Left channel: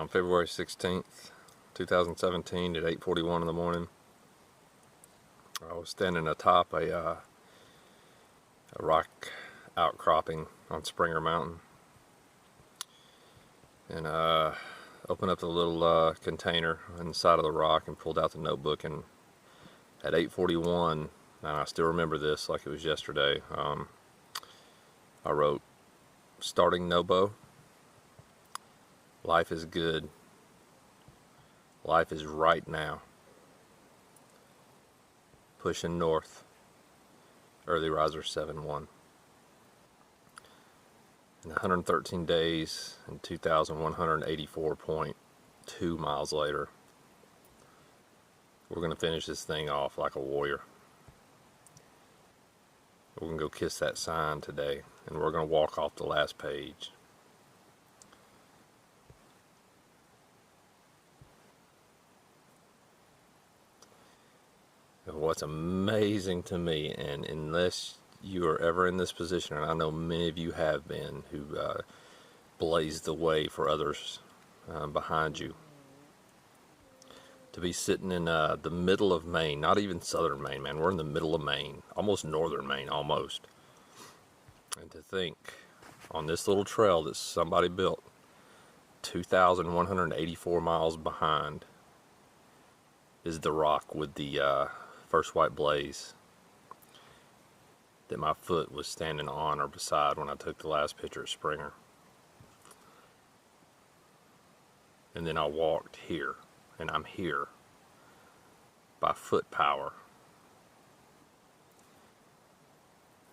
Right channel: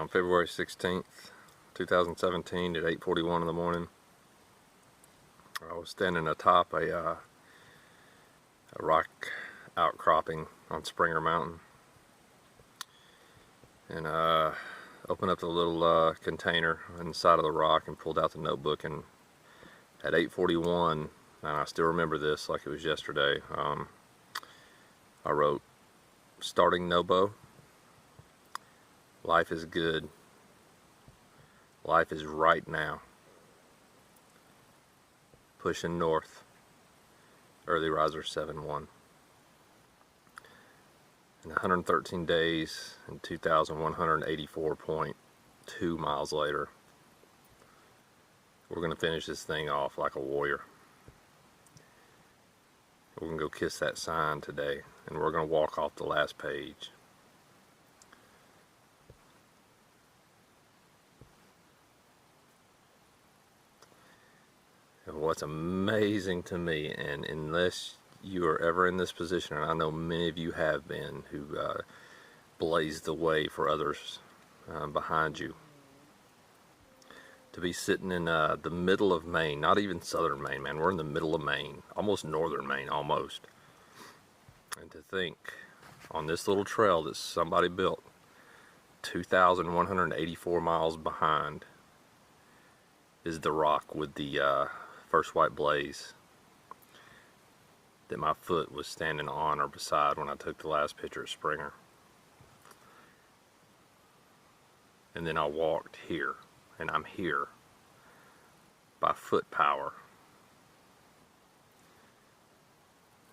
on February 16th, 2017 at 8:41 in the morning. I was standing atop a rock outcropping on Springer Mountain, and opened up the little container inside of the rock and pulled out the notebook, and at 8:41, and I still remember this like it was yesterday, I wrote, "Starting Nobo, life is good, life is right now, pushing north, early riser 7-1. In 113 days and 2,184.2 miles later, we're going to finish this thing off like a warrior. We're going to go kiss that sign today, and we're going to walk off the last page. And what's amazing to me, and unless you are ever in this position, and I know many of you have been, who blazed the way for others behind you, to be sitting in the middle of Maine, not even southern Maine, man, we're in the middle of Maine, almost northern Maine, almost. And to think, on this little trail that somebody built, 2,184 miles behind is the rock with the first white blaze that my foot was standing on or beside when I took the last picture of Springer. And then I walked here, and I'm here by foot power.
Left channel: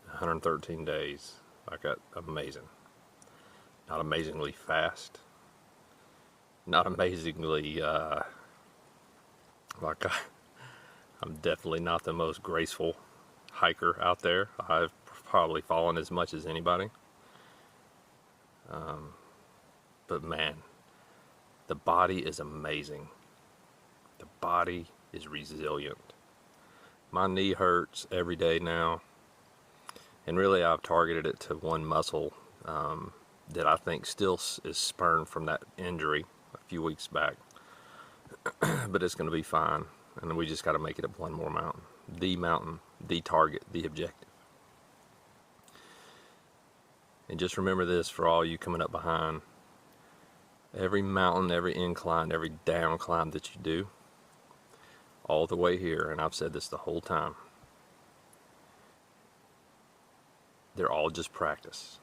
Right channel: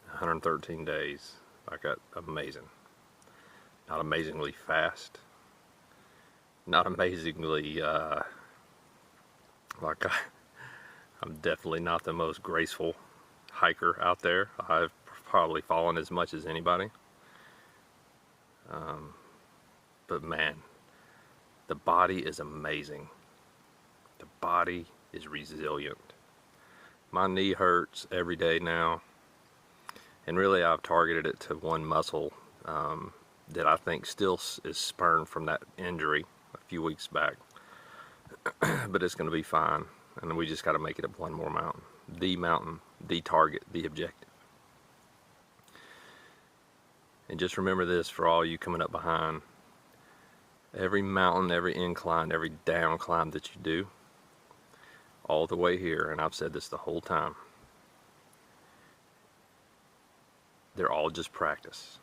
113 days. Like that, amazing. Not amazingly fast. Not amazingly I'm definitely not the most graceful hiker out there. I've probably fallen as much as anybody. But man, the body is amazing. The body is resilient. My knee hurts every day now, and really I've targeted it to one muscle that I think still is spurned from that injury a few weeks back. But it's going to be fine, and we just got to make it up one more mountain, the target, the objective. And just remember this for all you coming up behind: every mountain, every incline, every down climb that you do, all the way here, and I've said this the whole time, they're all just practice.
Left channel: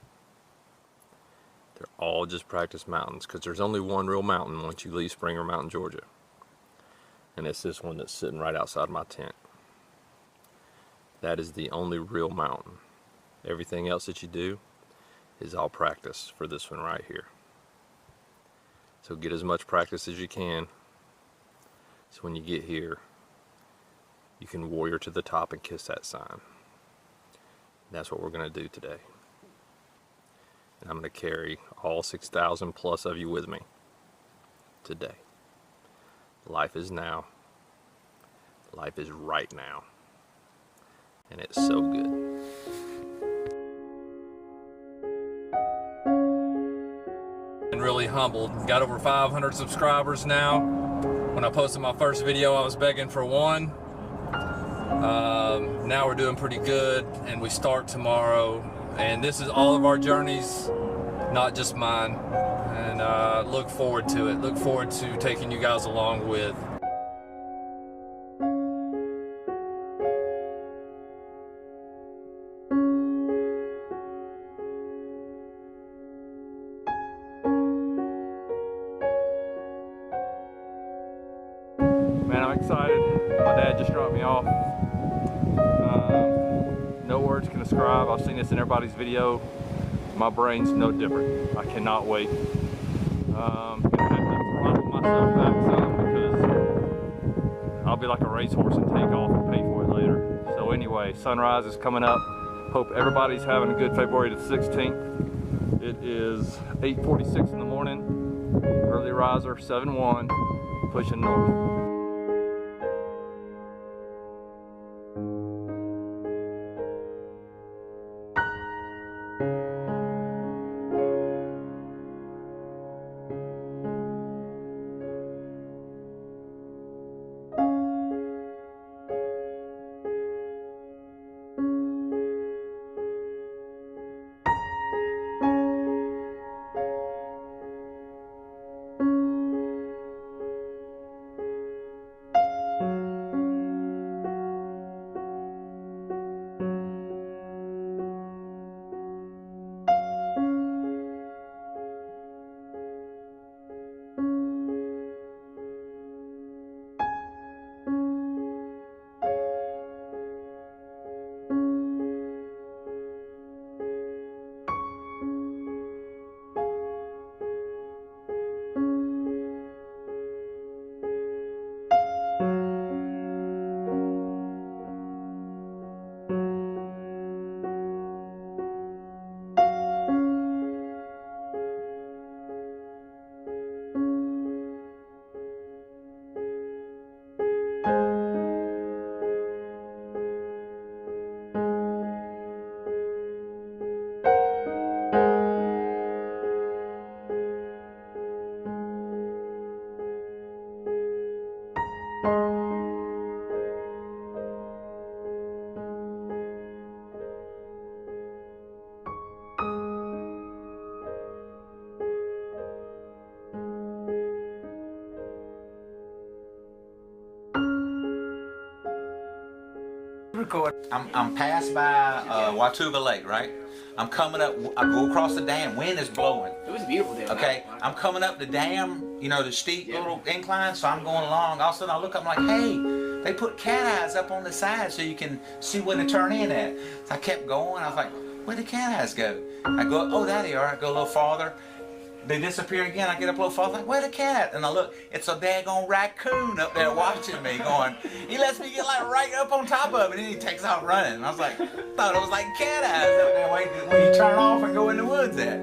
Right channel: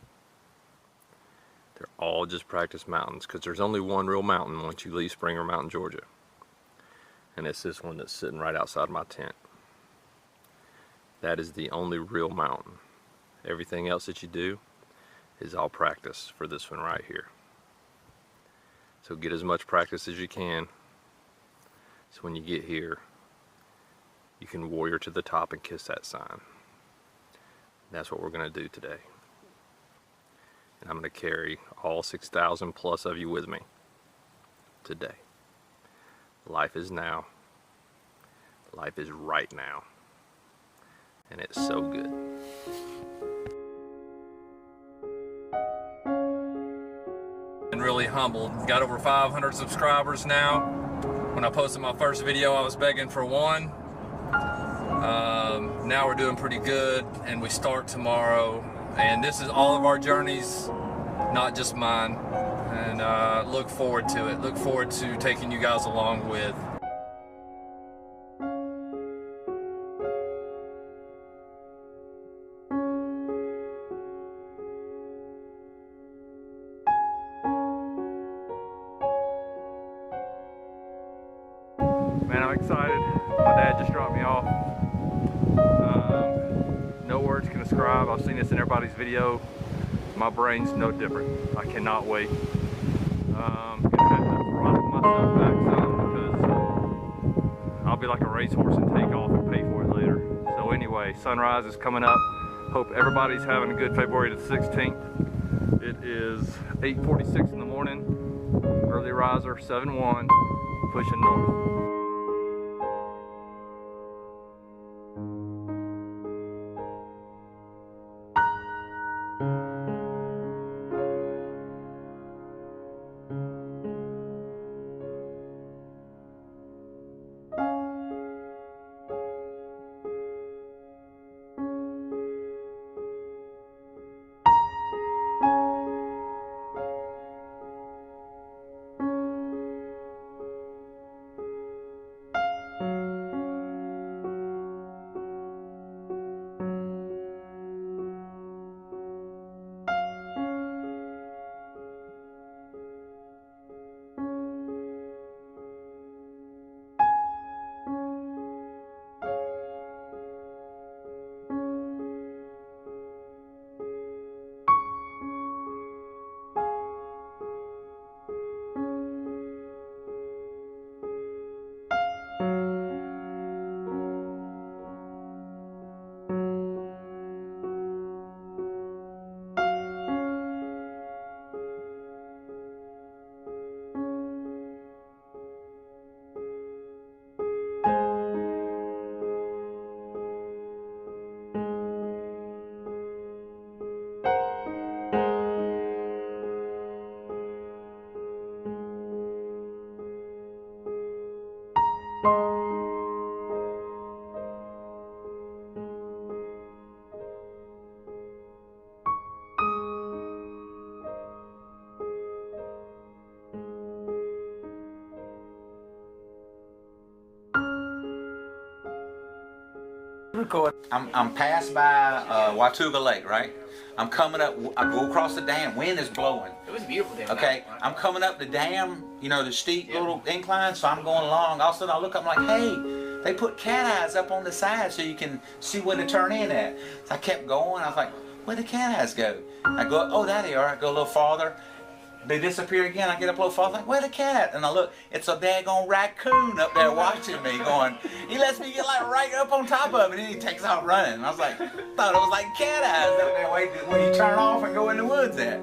They're all just practice mountains, because there's only one real mountain once you leave Springer Mountain, Georgia. And it's this one that's sitting right outside my tent. That is the only real mountain. Everything else that you do is all practice for this one right here. So get as much practice as you can, so when you get here, you can warrior to the top and kiss that sign. That's what we're going to do today. And I'm going to carry all 6,000 plus of you with me today. Life is now. Life is right now. And it's so good. I'm really humbled. Got over 500 subscribers now. When I posted my first video, I was begging for one. Now we're doing pretty good, and we start tomorrow. And this is all of our journeys, not just mine. And look forward to it. Look forward to taking you guys along with. Man, I'm excited. My dad just dropped me off. No words can describe. I've seen this in everybody's video. My brain's no different. I cannot wait. I have to throttle myself back some, because I'll be like a racehorse and take off and pay for it later. So anyway, sunrise is coming up. Hope everybody's having a good February the 16th. It is 8:46 in the morning. Early riser 7-1, pushing north. I'm passed by Watauga Lake, right? I'm coming up, I go across the dam, wind is blowing. It was a beautiful day. Okay, I'm coming up the dam, you know, the steep little incline, so I'm going along. All of a sudden I look up, I'm like, hey, they put cat eyes up on the side so you can see where to turn in at. So I kept going, I was like, where'd the cat eyes go? I go, oh, there they are. I go a little farther. They disappear again. I get up a little farther, like, where the cat? And I look, it's a daggone raccoon up there watching me going, he lets me get like right up on top of it, and then he takes out running. And I was like, thought it was like cat eyes up there waiting when you turn off and go in the woods at.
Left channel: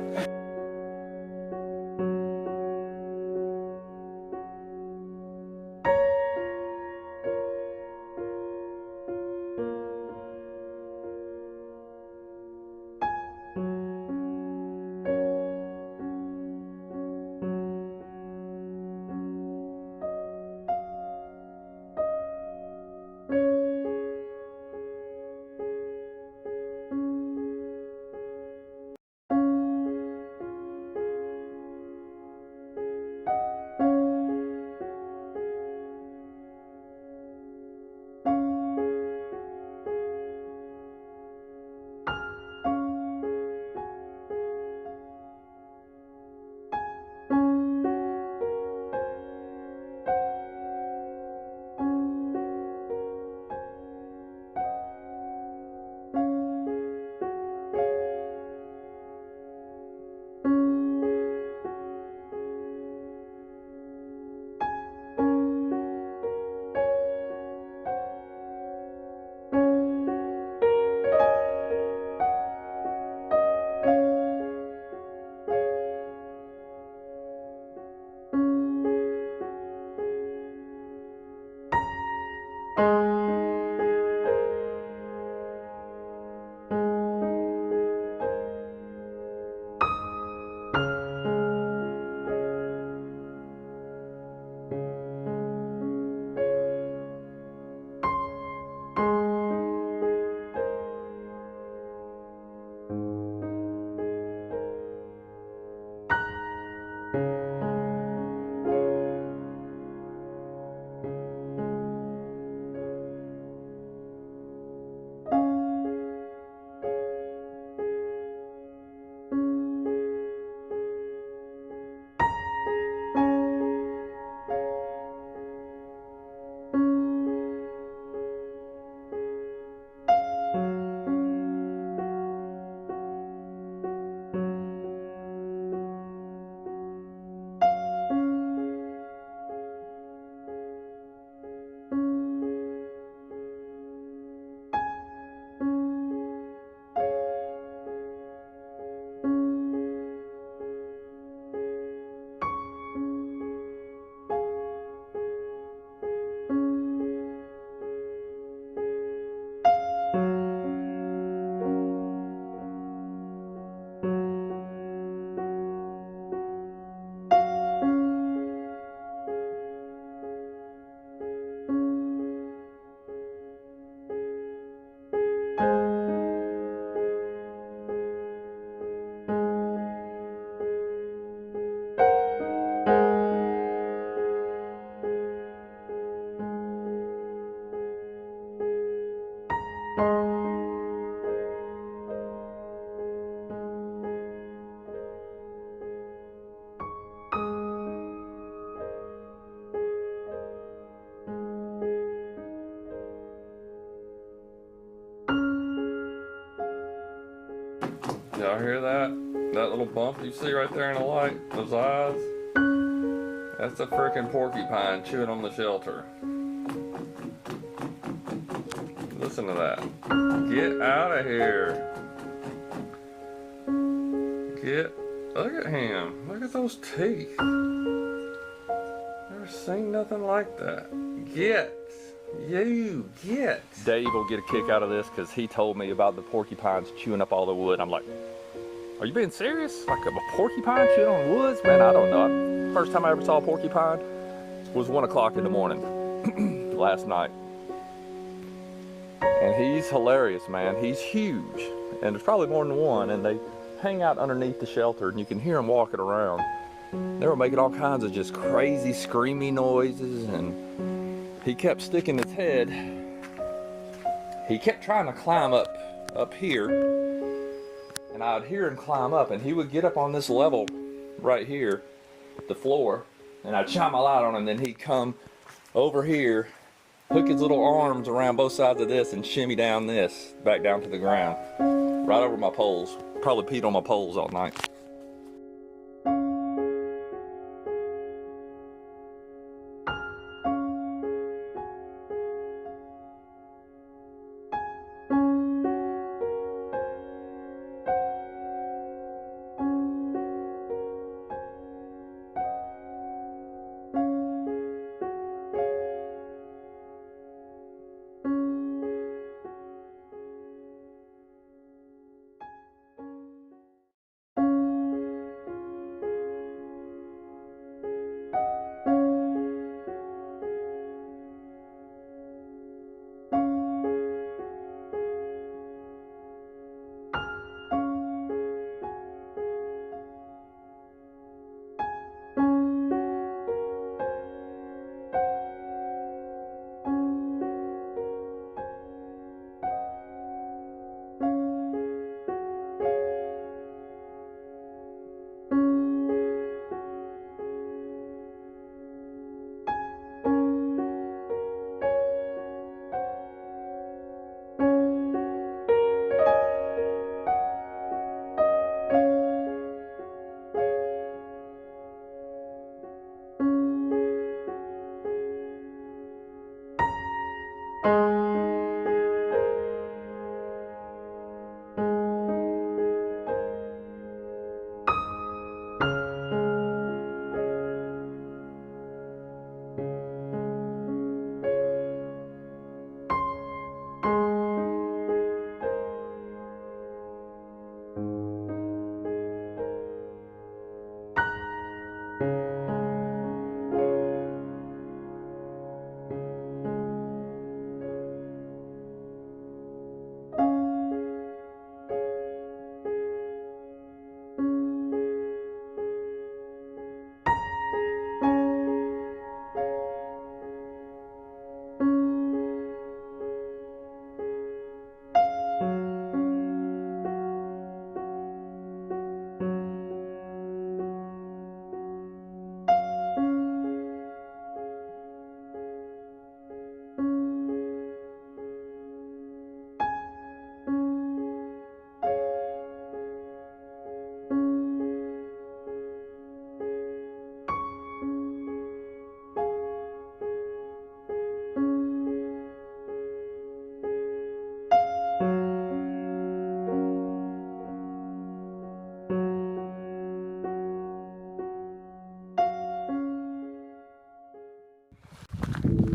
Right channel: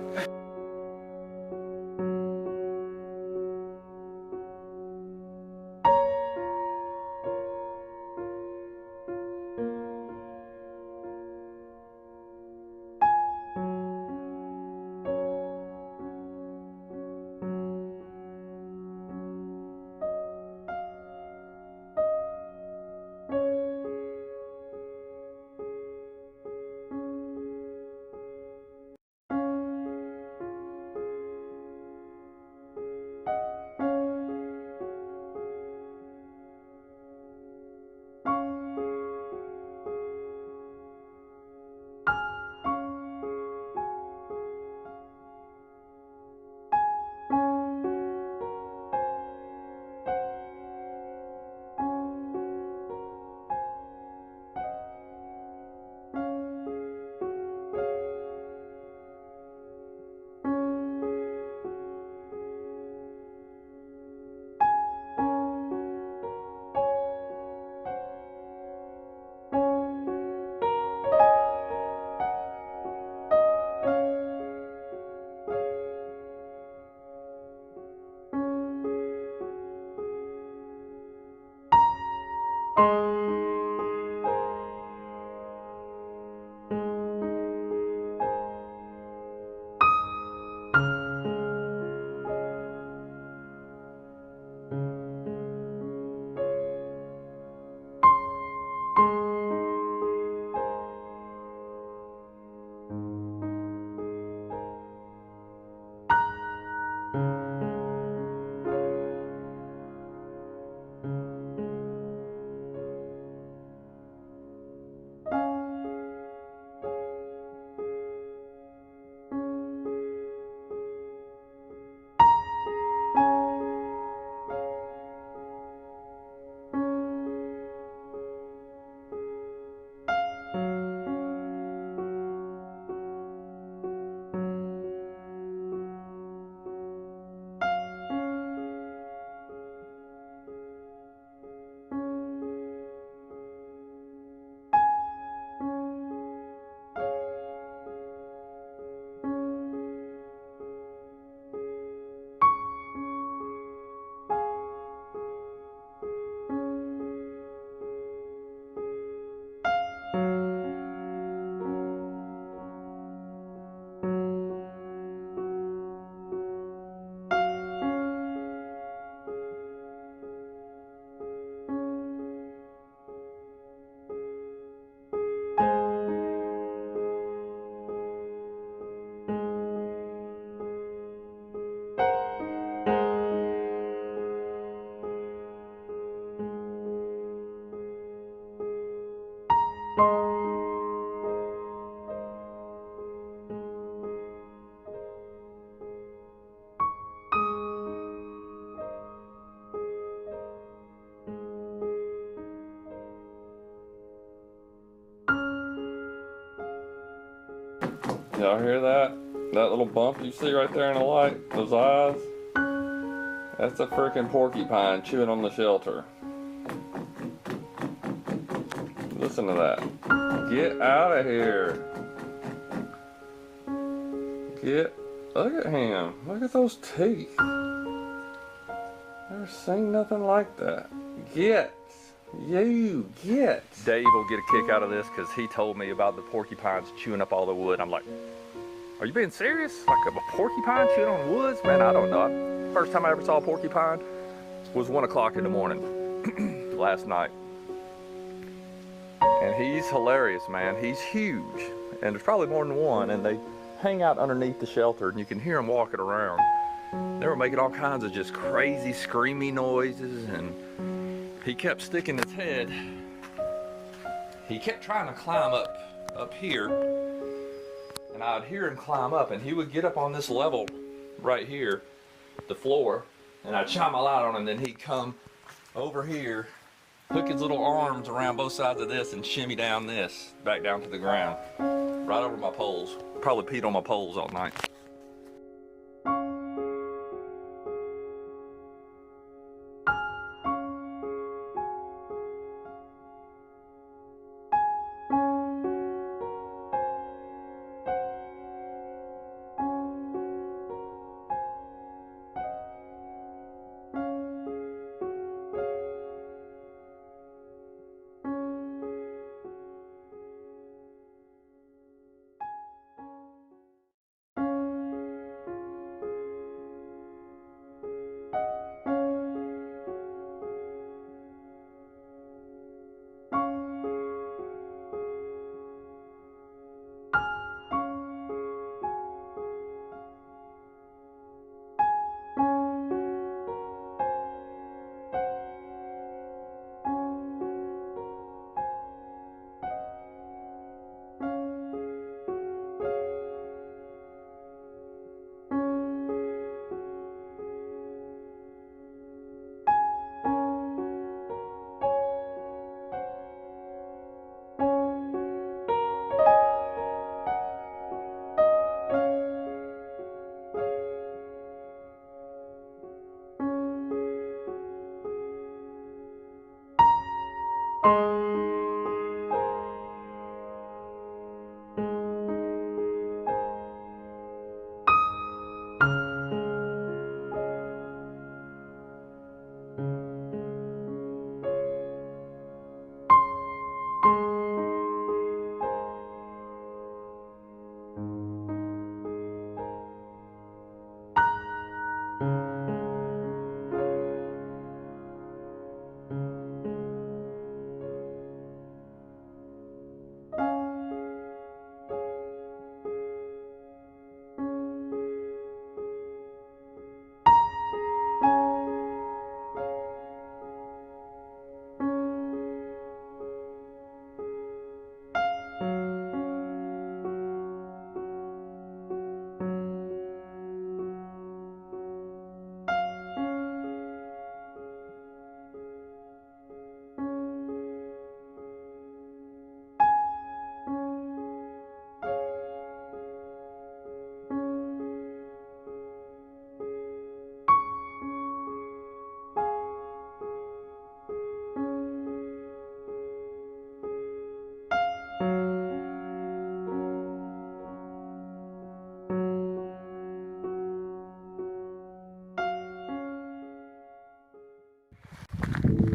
Y'all hear that? That little bump you see right there in the light? Those eyes? That's a freaking porcupine chewing on the shelter. Listen to that. Get out of here. Look at him. Look at those teeth. Never seen nothing like that. Get. Dave will get a kick out of this because he told me about the porcupines chewing up all the wood. I'm like, are you being serious? Like a porcupine chewing on woods? Man, I don't know. First time I ever saw a porcupine was 1 o'clock in the morning. last night. And he's hilarious, man. He's huge. And there's probably more than one. And they hang out underneath the shelter and you can hear them walking around. They were making all kinds of just crazy screamy noises, and he kept sticking his head. He kept trying to climb up here, and I'd hear him climb up, and he would get up on this level right here, the floor, and I'd shine my light on him, and then he'd come over here, hook his little arms around both sides of this, and shimmy down this, back down to the ground, right over my poles. Probably peed on my poles all night.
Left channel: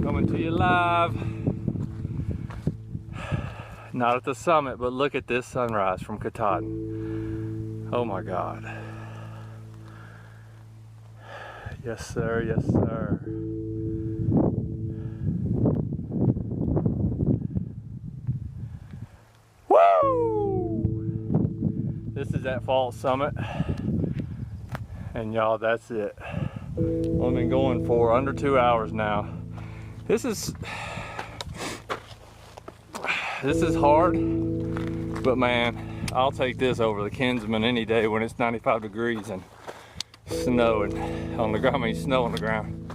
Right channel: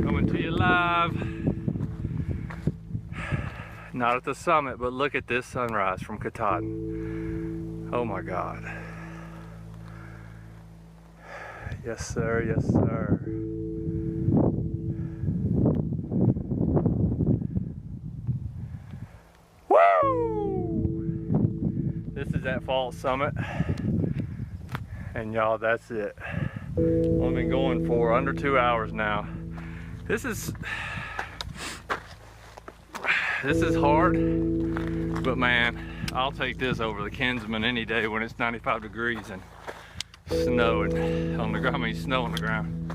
Coming to you live. Not at the summit, but look at this sunrise from Katahdin. Oh my God. Yes sir, yes sir. Woo! This is that false summit. And y'all, that's it. I've been going for under 2 hours now. This is hard, but man, I'll take this over the Kinsman any day when it's 95 degrees and snow on the ground. I mean, snow on the ground.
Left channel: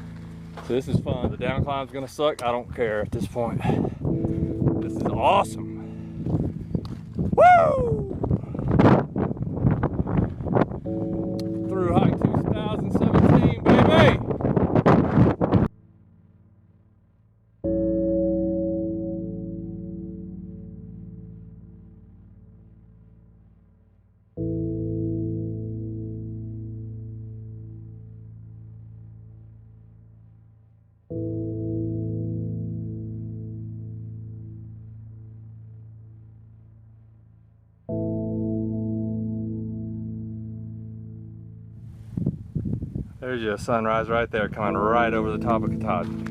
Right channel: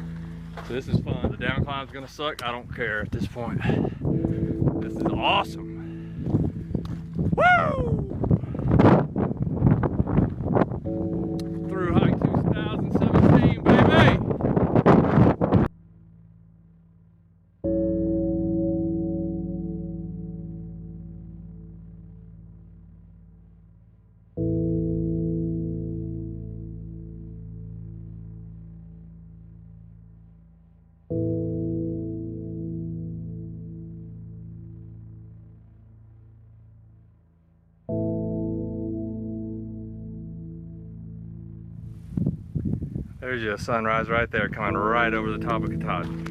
So this is fun. The down climb's gonna suck. I don't care at this point. This is awesome. Woo! Thru Hike 2017, baby! There's your sunrise right there, coming right over the top of Katahdin.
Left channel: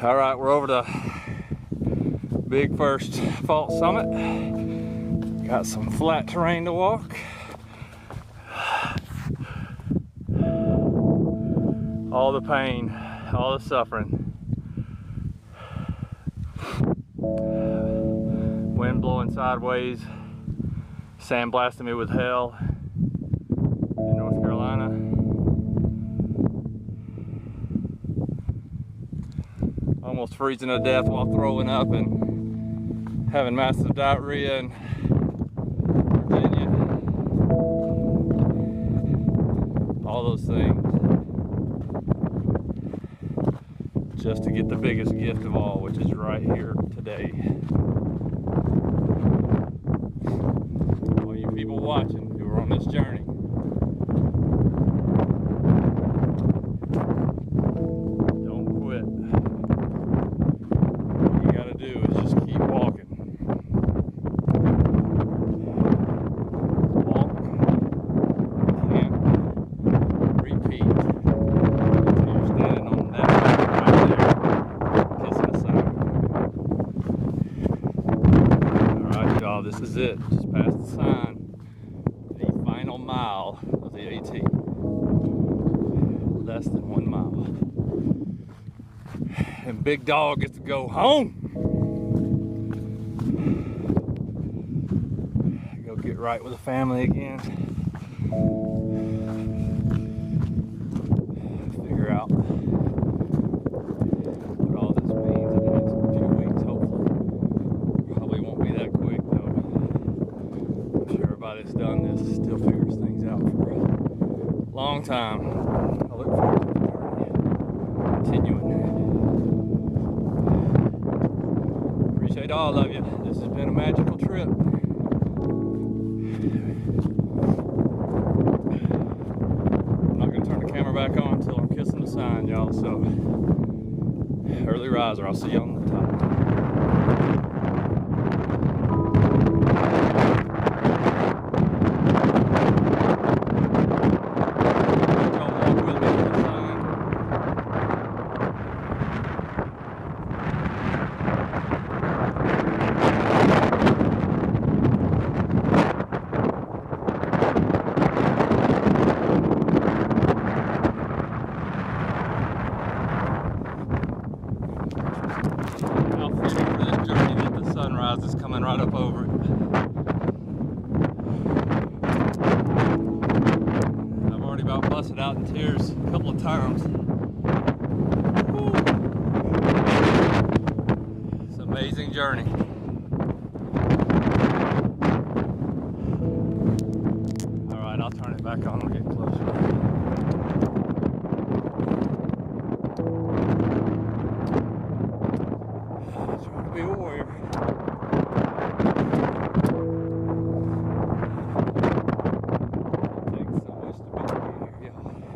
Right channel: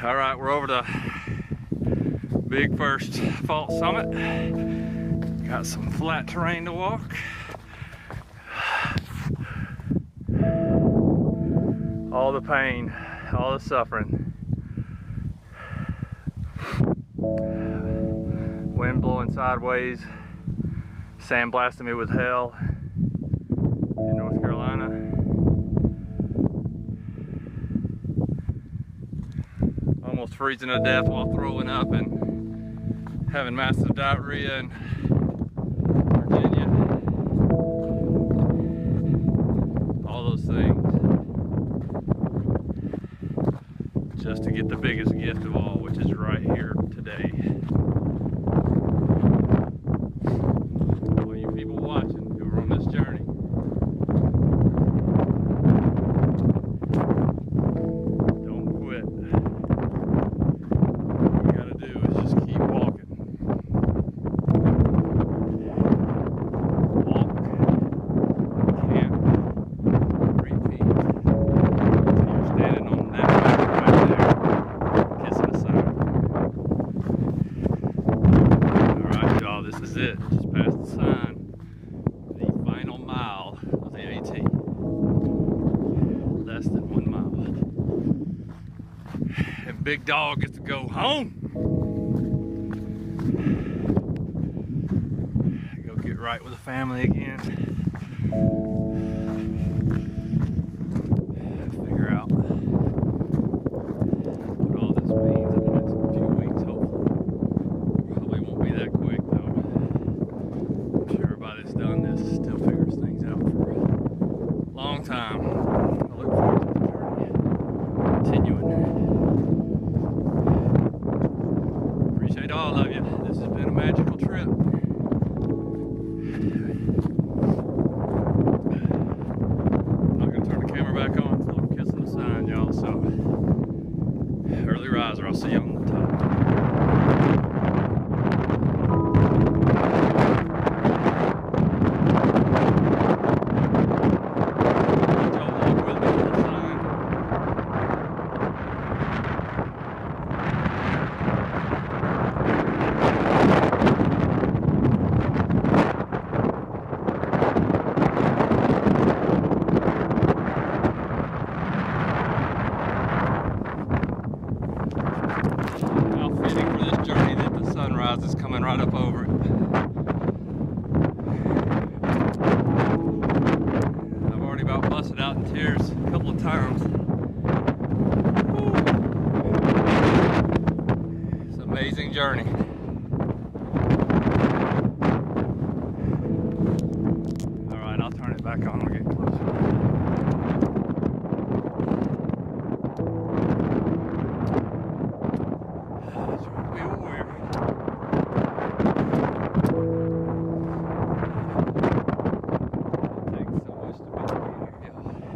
All right, we're over to big first fault summit. Got some flat terrain to walk. All the pain, all the suffering. Wind blowing sideways, sandblasting me with hell in North Carolina. Almost freezing to death while throwing up and having massive diarrhea in Virginia. All those things. Just to get the biggest gift of all, which is right here today. All you people watching who are on this journey, don't quit. All you gotta do is just keep walking. Walk, can't repeat until you're standing on that right there, kissing the sun. Alright y'all, this is it. Just past the sign. The final mile of the AT. Less than 1 mile. And Big Dog gets to go home. Go get right with the family again. Figure out what all this means in the next few weeks, hopefully. Probably won't be that quick though. I'm sure everybody that's done this still figures things out for a long time. I look forward to the journey continuing. Appreciate all of you. This has been a magical trip. I'm not going to turn the camera back on until I'm kissing the sign, y'all. So, early riser. I'll see you on the top. How fitting for this journey that the sunrise is coming right up over it. I've already about busted out in tears a couple of times. Woo. It's an amazing journey. Alright, I'll turn it back on when we get closer. Be a warrior. It takes so much to be a warrior.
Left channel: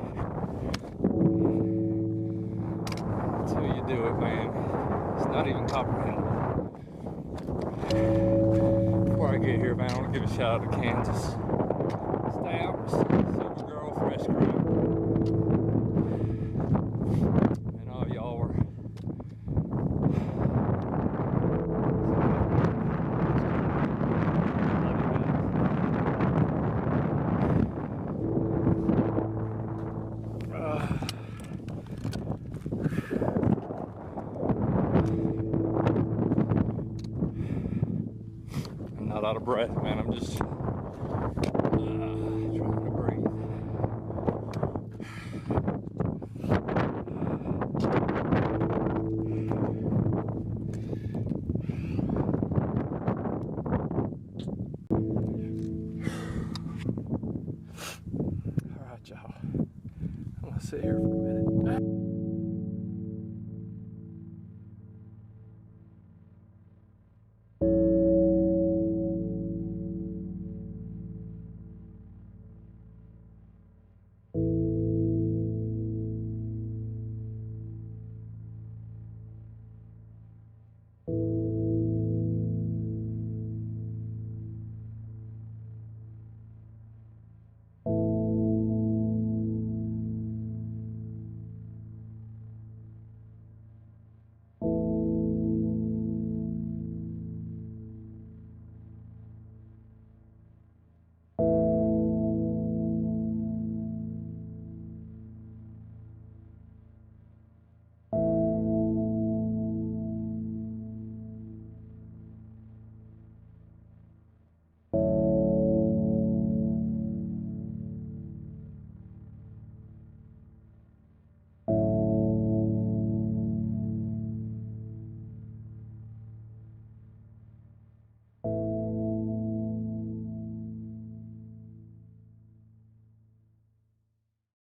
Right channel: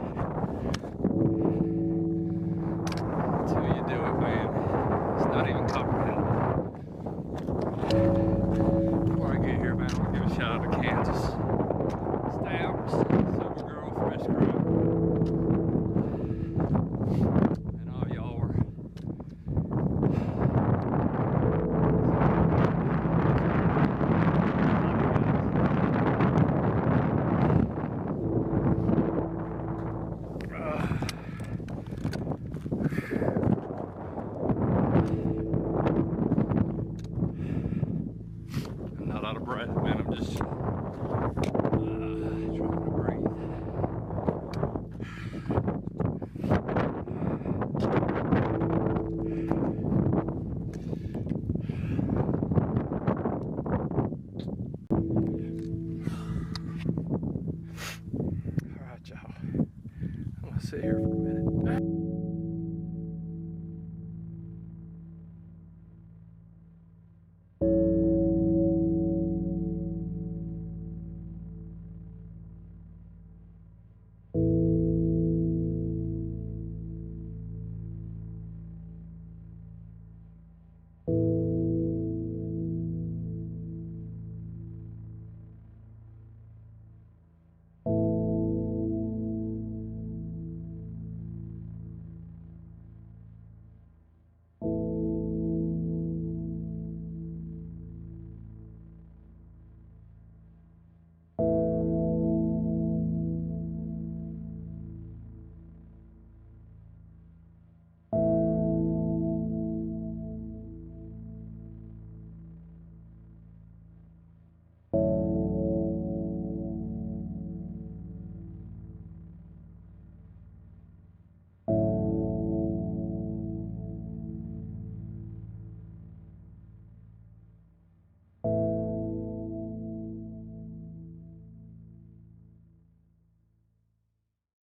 Until you do it, man. It's not even comprehensible. Before I get here, man, I want to give a shout out to Kansas. Stamps, Thru's Girl Fresh Crew. And all y'all were I'm not out of breath, man. I'm just trying to breathe. All right, y'all. I'm gonna sit here for